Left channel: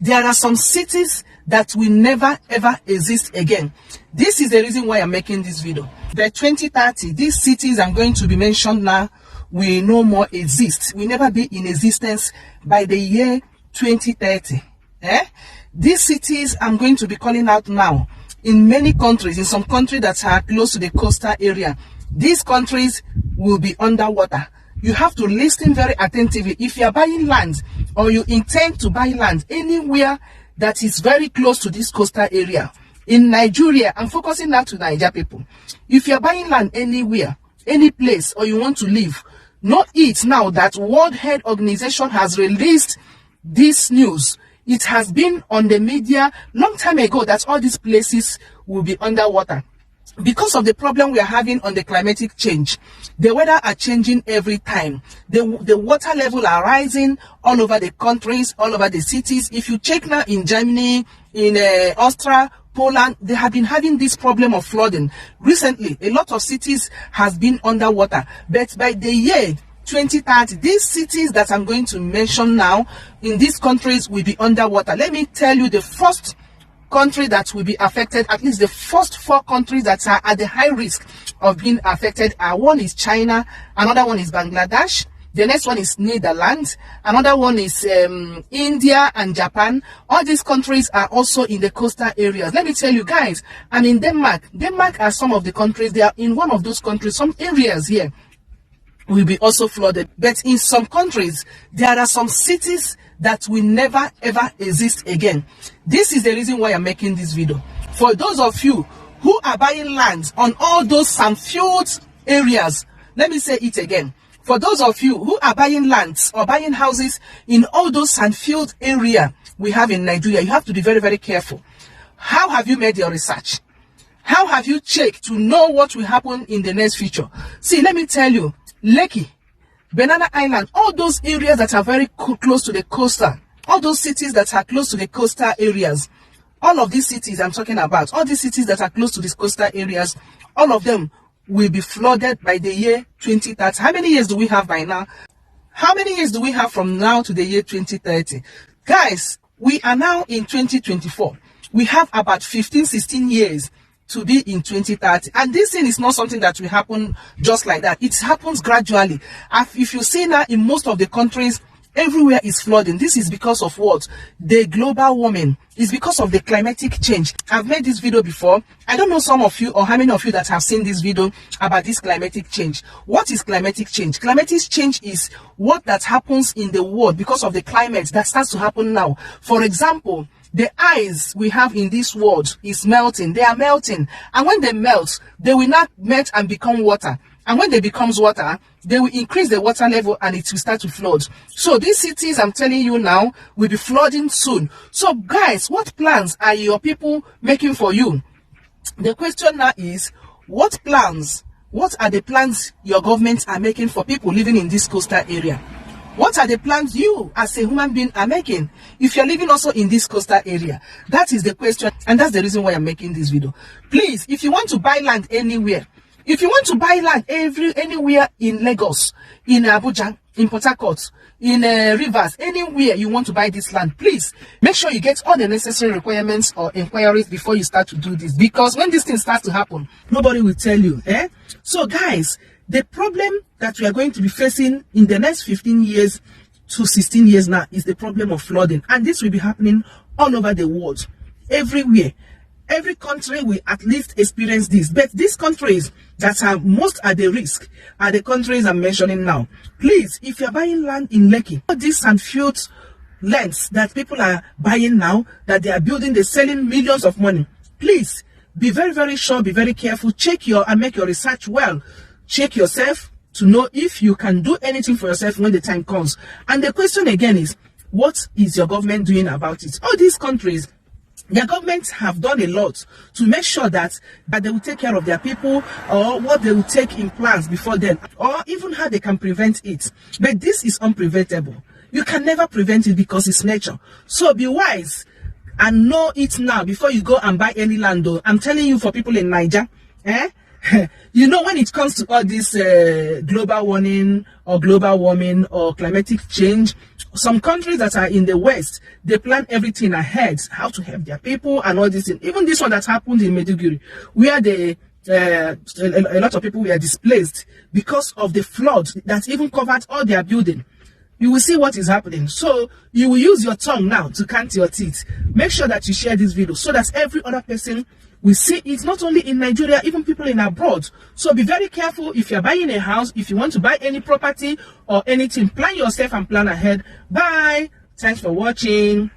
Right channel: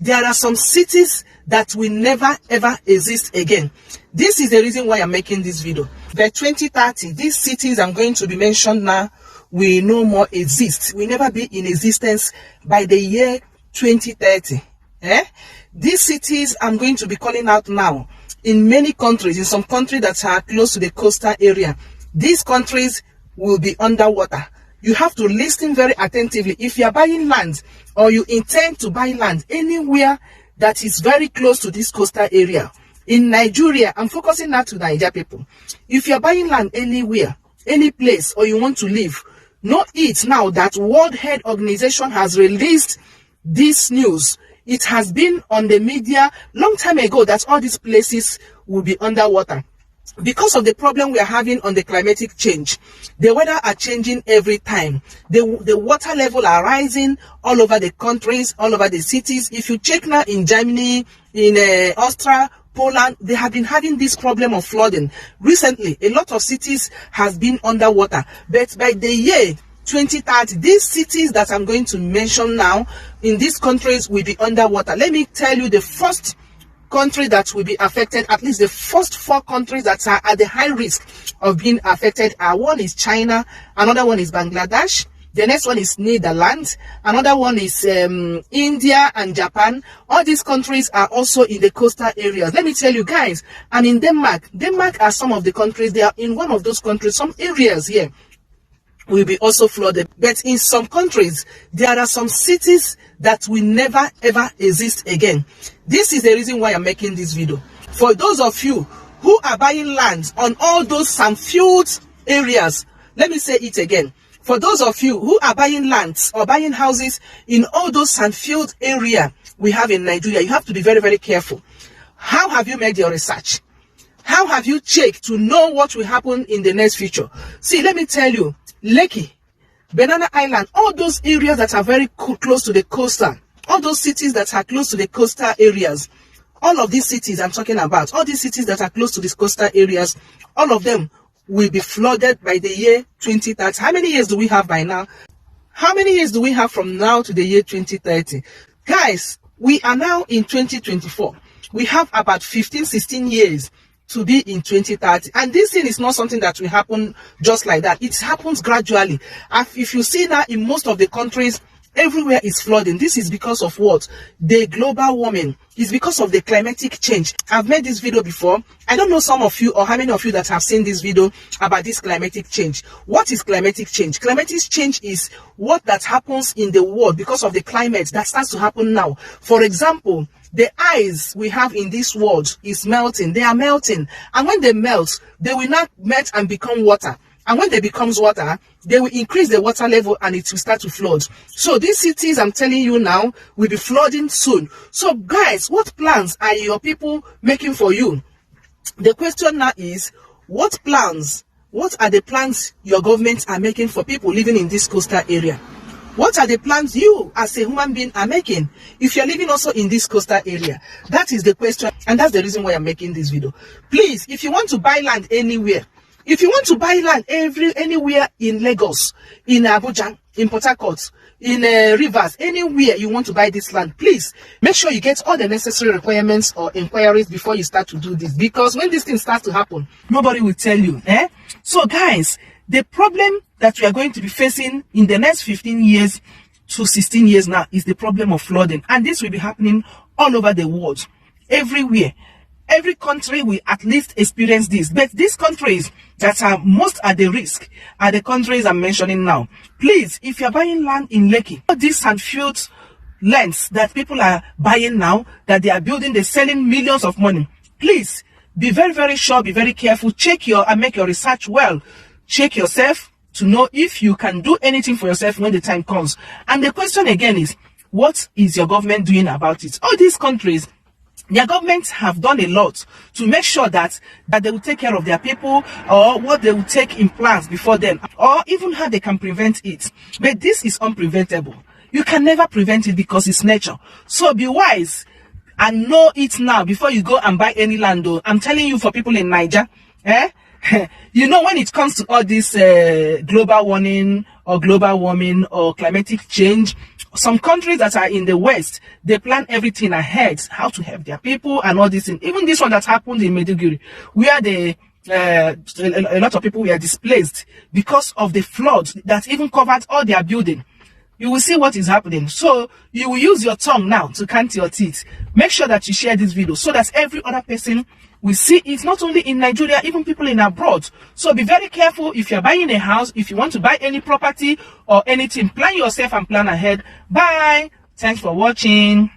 There are some cities that will never ever exist again. This is the reason why I'm making this video. By 2030, these cities I'm going to be mentioned now will no more exist, will never be in existence by the year 2030. These cities I'm going to be calling out now, in many countries, in some countries that are close to the coastal area, these countries will be underwater. You have to listen very attentively. If you are buying land or you intend to buy land anywhere that is very close to this coastal area, in Nigeria, I'm focusing now to Nigeria people. If you are buying land anywhere, any place, or you want to live, know it now that World Health Organization has released this news. It has been on the media long time ago that all these places will be underwater. Because of the problem we are having on the climatic change, the weather are changing every time. The water level are rising all over the countries, all over the cities. If you check now in Germany, in Austria, Poland, they have been having this problem of flooding. Recently, a lot of cities has been underwater. But by the year 2030, these cities that I'm going to mention now in these countries will be underwater. Let me tell you the first country that will be affected, at least the first 4 countries that are at the high risk of being affected are: one is China, another one is Bangladesh, the next one is Netherlands, another one is India and Japan. All these countries are also in the coastal areas. Let me tell you guys, I'm in Denmark. Denmark are some of the countries. They are in one of those countries. Some areas here will be also flooded. But in some countries, there are some cities that will never ever exist again. This is the reason why I'm making this video. For those of you who are buying lands on all those sand-filled areas, let me say it again. For those of you who are buying lands or buying houses in all those sand-filled areas we have in Nigeria, you have to be very, very careful. How have you made your research? How have you checked to know what will happen in the next future? See, let me tell you, Lekki, Banana Island, all those areas that are very close to the coastal, all those cities that are close to the coastal areas, all of these cities I'm talking about, all these cities that are close to these coastal areas, all of them will be flooded by the year 2030. How many years do we have by now? How many years do we have from now to the year 2030? Guys, we are now in 2024. We have about 15, 16 years to be in 2030, and this thing is not something that will happen just like that. It happens gradually. If you see now in most of the countries, everywhere is flooding. This is because of what? The global warming. It's because of the climatic change. I've made this video before. I don't know some of you or how many of you that have seen this video about this climatic change. What is climatic change? Climatic change is what that happens in the world because of the climate that starts to happen now. For example, the ice we have in this world is melting. They are melting. And when they melt, they will not melt and become water. And when they becomes water, they will increase the water level and it will start to flood. So these cities I'm telling you now will be flooding soon. So guys, what plans are your people making for you? The question now is, what are the plans your government are making for people living in this coastal area? What are the plans you as a human being are making if you're living also in this coastal area? That is the question, and that's the reason why I'm making this video. Please, if you want to buy land anywhere, if you want to buy land anywhere in Lagos, in Abuja, in Port Harcourt, in Rivers, anywhere you want to buy this land, please make sure you get all the necessary requirements or inquiries before you start to do this. Because when this thing starts to happen, nobody will tell you. So guys, the problem that we are going to be facing in the next 15 years to 16 years now is the problem of flooding. And this will be happening all over the world, everywhere. Every country will at least experience this. But these countries that are most at the risk are the countries I'm mentioning now. Please, if you're buying land in Lekki, all these sand-filled lands that people are buying now, that they are building, they're selling millions of money. Please, be very, very sure, be very careful. Check and make your research well. Check yourself to know if you can do anything for yourself when the time comes. And the question again is, what is your government doing about it? All these countries, their governments have done a lot to make sure that they will take care of their people, or what they will take in plans before them, or even how they can prevent it. But this is unpreventable. You can never prevent it because it's nature. So be wise and know it now before you go and buy any land. I'm telling you, for people in Niger, you know, when it comes to all this global warming or climatic change, Some countries that are in the West, they plan everything ahead, how to help their people and all this thing. Even this one that happened in Maiduguri, where a lot of people were displaced because of the flood that even covered all their building. You will see what is happening. So you will use your tongue now to count your teeth. Make sure that you share this video so that every other person will see it, not only in Nigeria, even people in abroad. So be very careful if you're buying a house, if you want to buy any property or anything, plan yourself and plan ahead. Bye. Thanks for watching.